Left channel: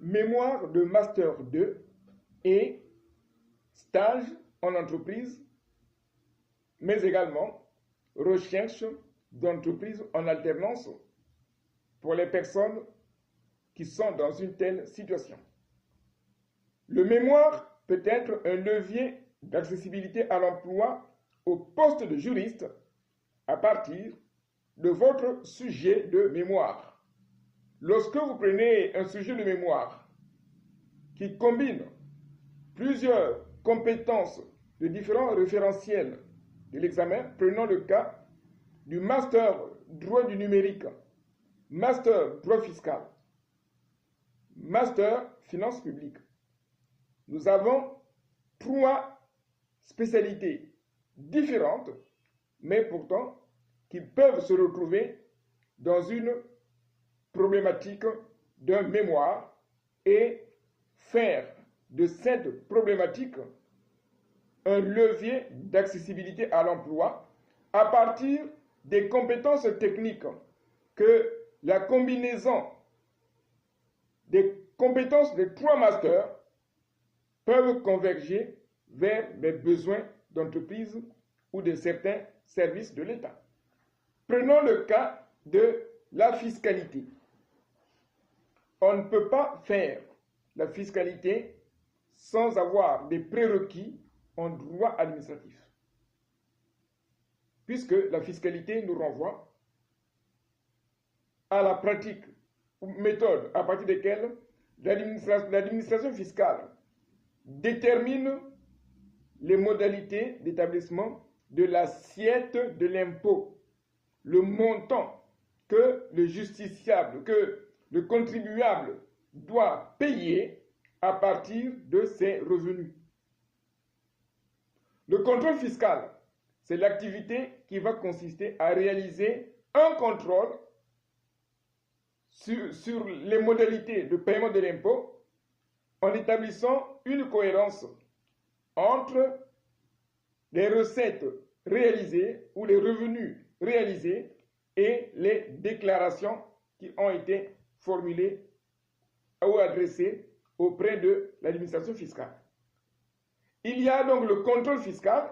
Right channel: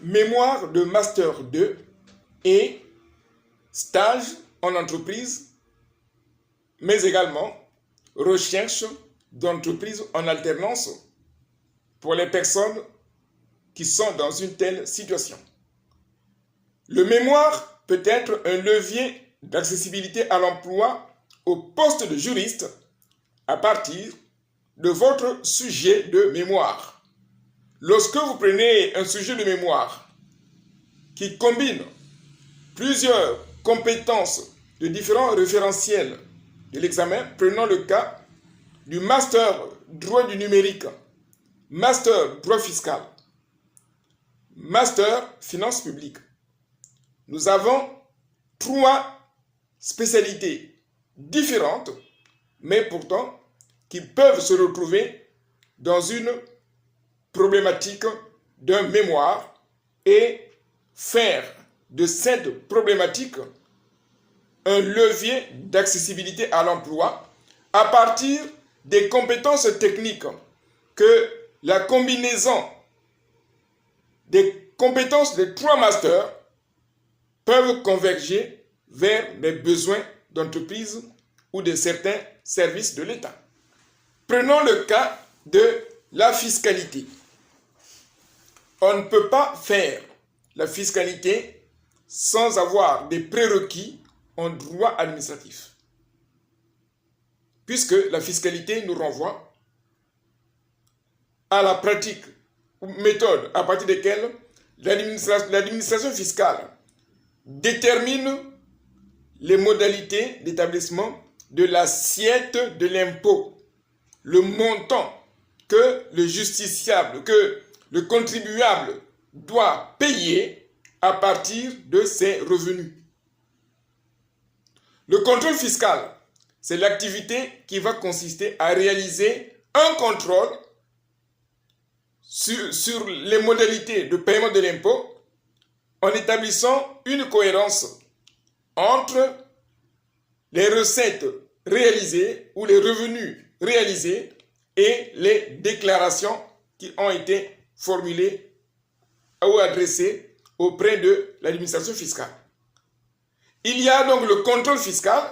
mémoire de Master 2 et stage en entreprise, mais également recherche d'entreprise en alternance pour les personnes qui sont dans une telle situation. Le mémoire peut être un levier d'accessibilité à l'emploi au poste de juriste à partir de votre sujet de mémoire. Lorsque vous prenez un sujet de mémoire qui combine plusieurs compétences de différents référentiels de l'examen, prenons le cas du master droit du numérique, master droit fiscal, master finance publique. Nous avons 3 spécialités différentes, mais pourtant qui peuvent se retrouver dans une problématique d'un mémoire et faire de cette problématique un levier d'accessibilité à l'emploi à partir des compétences techniques que la combinaison des compétences des 3 masters peuvent converger vers les besoins d'entreprise ou de certains services de l'État. Prenons le cas de la fiscalité. On ne peut pas faire la fiscalité sans avoir des prérequis en droit administratif, puisque la fiscalité nous renvoie à la pratique ou méthode à partir desquelles l'administration fiscale détermine les modalités d'établissement de l'assiette de l'impôt, le montant que le justiciable, que le contribuable doit payer à partir de ses revenus. Le contrôle fiscal, c'est l'activité qui va consister à réaliser un contrôle sur les modalités de paiement de l'impôt en établissant une cohérence entre les recettes réalisées ou les revenus réalisés et les déclarations qui ont été formulées ou adressées auprès de l'administration fiscale. Il y a donc le contrôle fiscal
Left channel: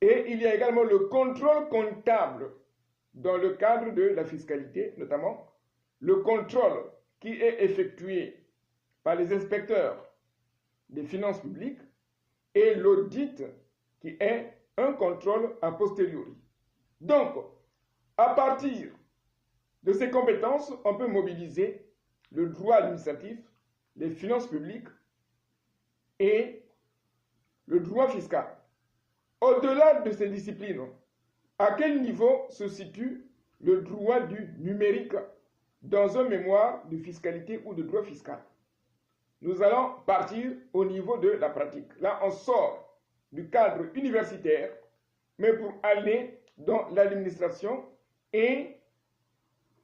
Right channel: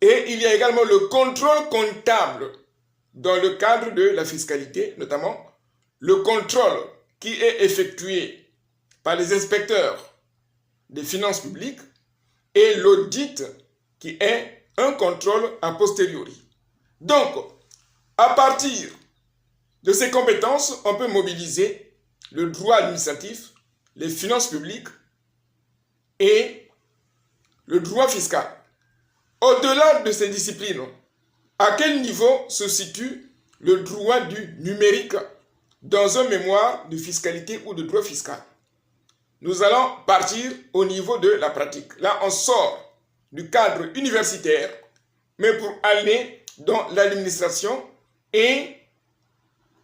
et il y a également le contrôle comptable dans le cadre de la fiscalité, notamment le contrôle qui est effectué par les inspecteurs des finances publiques et l'audit qui est un contrôle a posteriori. Donc, à partir de ces compétences, on peut mobiliser le droit administratif, les finances publiques et le droit fiscal. Au-delà de ces disciplines, à quel niveau se situe le droit du numérique dans un mémoire de fiscalité ou de droit fiscal? Nous allons partir au niveau de la pratique. Là, on sort du cadre universitaire, mais pour aller dans l'administration et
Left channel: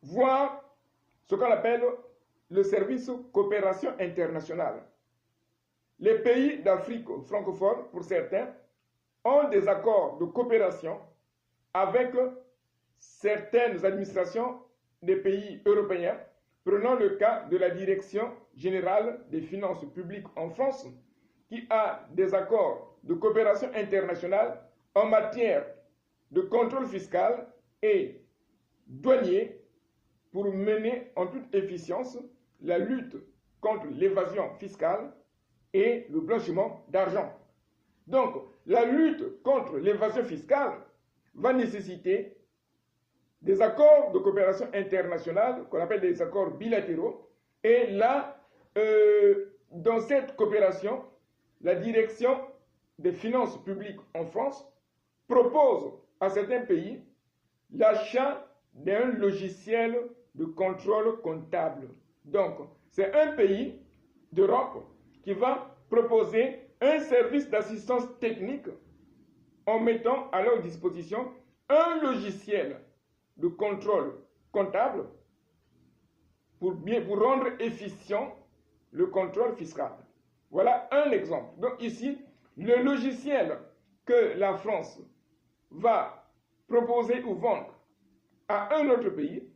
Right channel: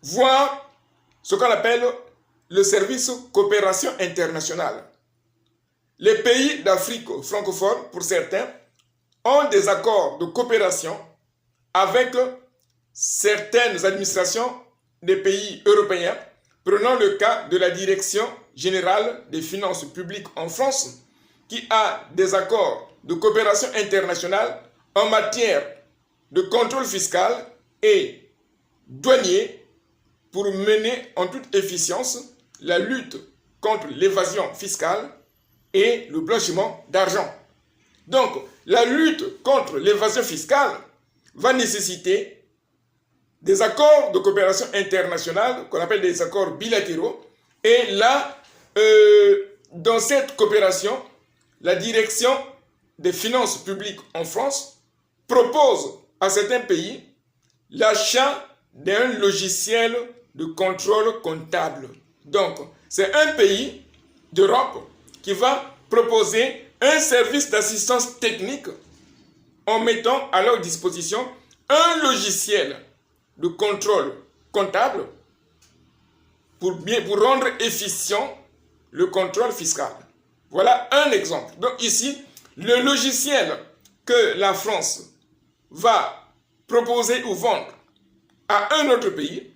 voir ce qu'on appelle le service coopération internationale. Les pays d'Afrique francophone, pour certains, ont des accords de coopération avec certaines administrations des pays européens. Prenons le cas de la Direction générale des finances publiques en France, qui a des accords de coopération internationale en matière de contrôle fiscal et douanier pour mener en toute efficience la lutte contre l'évasion fiscale et le blanchiment d'argent. Donc, la lutte contre l'évasion fiscale va nécessiter des accords de coopération internationale qu'on appelle des accords bilatéraux. Et là, dans cette coopération, la direction des finances publiques en France propose à certains pays l'achat d'un logiciel de contrôle comptable. Donc, c'est un pays d'Europe qui va proposer un service d'assistance technique en mettant à leur disposition un logiciel de contrôle comptable pour rendre efficient le contrôle fiscal. Voilà un exemple. Donc ici, le logiciel que la France va proposer ou vendre à un autre pays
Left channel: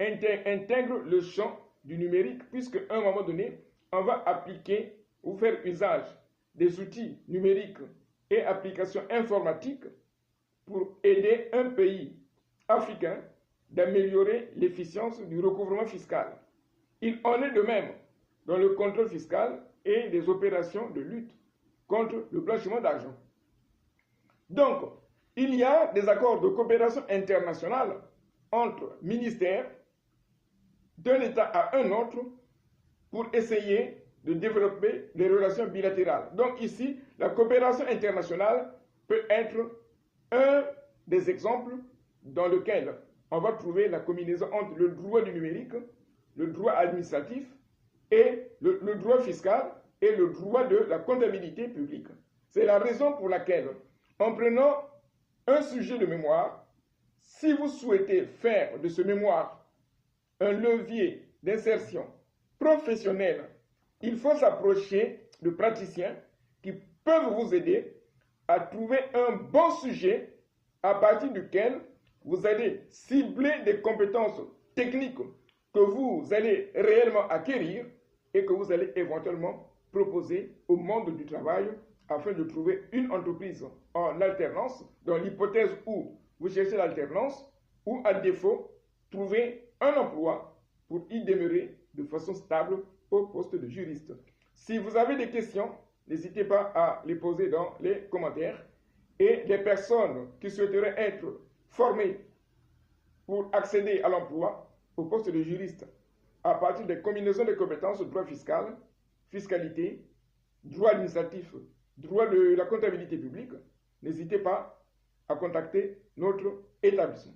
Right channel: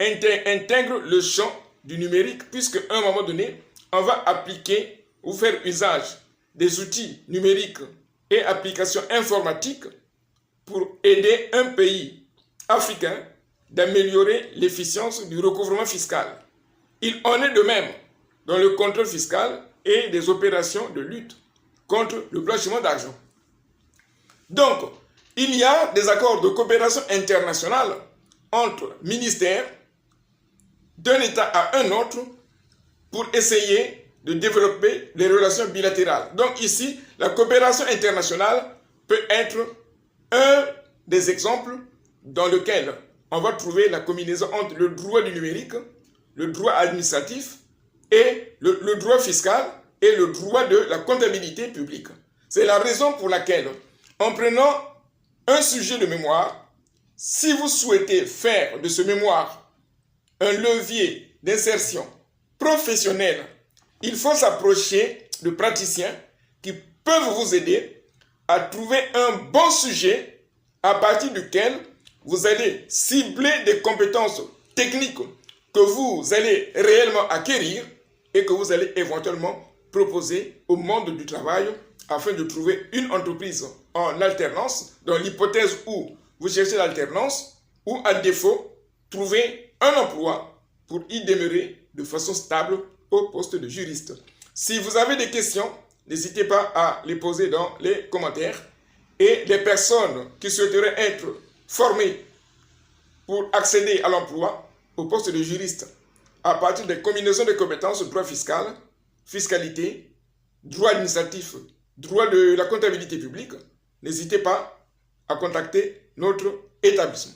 intègre le champ du numérique, puisque à un moment donné, on va appliquer ou faire usage des outils numériques et applications informatiques pour aider un pays africain d'améliorer l'efficience du recouvrement fiscal. Il en est de même dans le contrôle fiscal et des opérations de lutte contre le blanchiment d'argent. Donc, il y a des accords de coopération internationale entre ministères d'un État à un autre pour essayer de développer les relations bilatérales. Donc ici, la coopération internationale peut être un des exemples dans lequel on va trouver la combinaison entre le droit du numérique, le droit administratif et le droit fiscal et le droit de la comptabilité publique. C'est la raison pour laquelle, en prenant un sujet de mémoire, si vous souhaitez faire de ce mémoire un levier d'insertion professionnelle, il faut s'approcher de praticiens qui peuvent vous aider à trouver un bon sujet à partir duquel vous allez cibler des compétences techniques que vous allez réellement acquérir et que vous allez éventuellement proposer au monde du travail afin de trouver une entreprise en alternance, dans l'hypothèse où vous cherchez l'alternance, ou à défaut, trouver un emploi pour y demeurer de façon stable au poste de juriste. Si vous avez des questions, n'hésitez pas à les poser dans les commentaires. Et les personnes qui souhaiteraient être formées pour accéder à l'emploi, au poste de juriste, à partir des combinaisons de compétences, droit fiscal, fiscalité, droit administratif, droit de la comptabilité publique, n'hésitez pas à contacter notre établissement.